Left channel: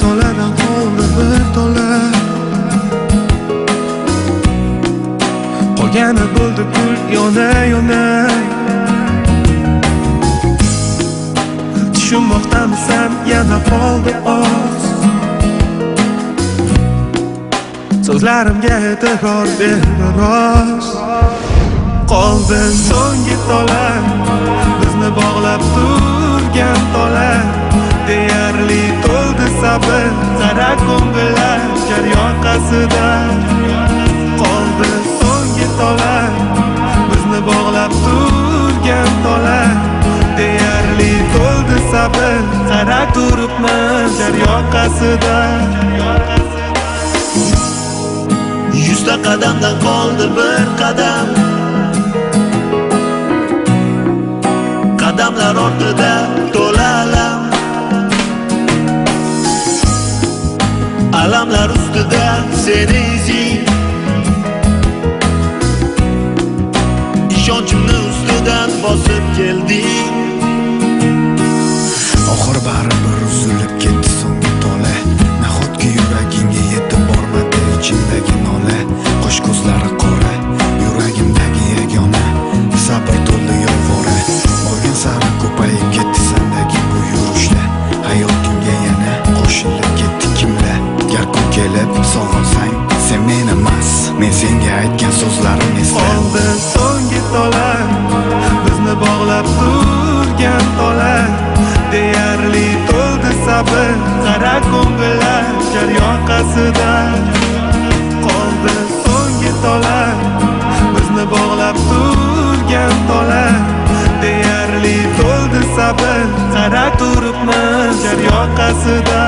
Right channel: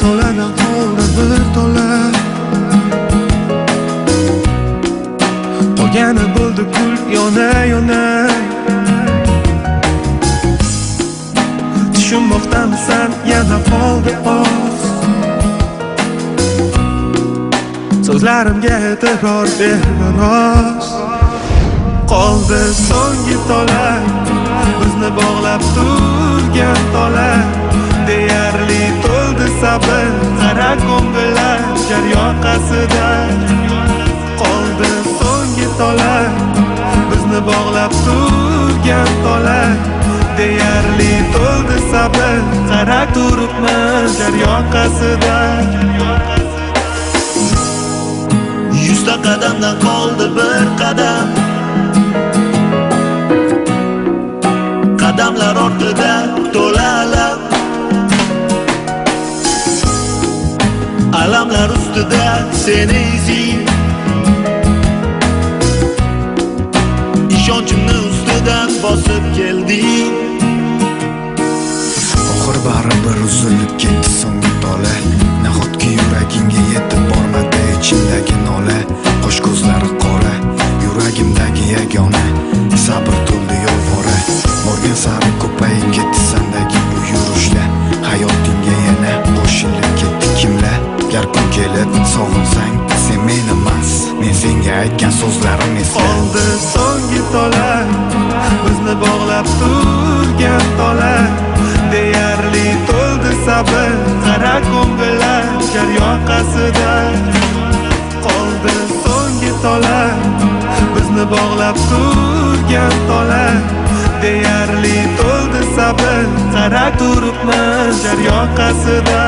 toladan qoldi bir tola. Qolgani bo'ldi kul yona tushunmoqdamisan yana qoldi oz. So'zlarimga e'tibor ber biroz. Qoldi so'nggi tola, bizni bog'lab turgan tola. Deyarli to'ldi sabr, qara ko'ngillar jar yoqasida. Qoldi so'nggi tola, bizni bog'lab turgan tola. Deyarli to'ldi sabr, qara turibman jar yoqasida. 100 ta qadamdan qoldi bir qadam. Qadamlar ortida to'la alam. Alamlar ustida seni izing. Ishonchimni ustidan bosib kelding. Oxir baribir uzilib ketdi so'nggi tola. Nahotki yuragingga yetib bormadi ichimdagi nola. Qo'sh ko'zlari qora, yuragimdagi yagona. Sabr to'ldi yolvora, borgan sari ko'payib ketdi sendagi bu yurishlar. Hayotingga yana qo'shilib ketdi kimlar. Gar kun kelib sog'insang sen men emas, men senga aytgan so'zlarim esda. Qoldi so'nggi tola, bizni bog'lab turgan tola. Deyarli to'ldi sabr, qara ko'ngillar jar yoqasida. Qoldi so'nggi tola, bizni bog'lab turgan tola. Deyarli to'ldi sabr, qara turibman jar yoqasida.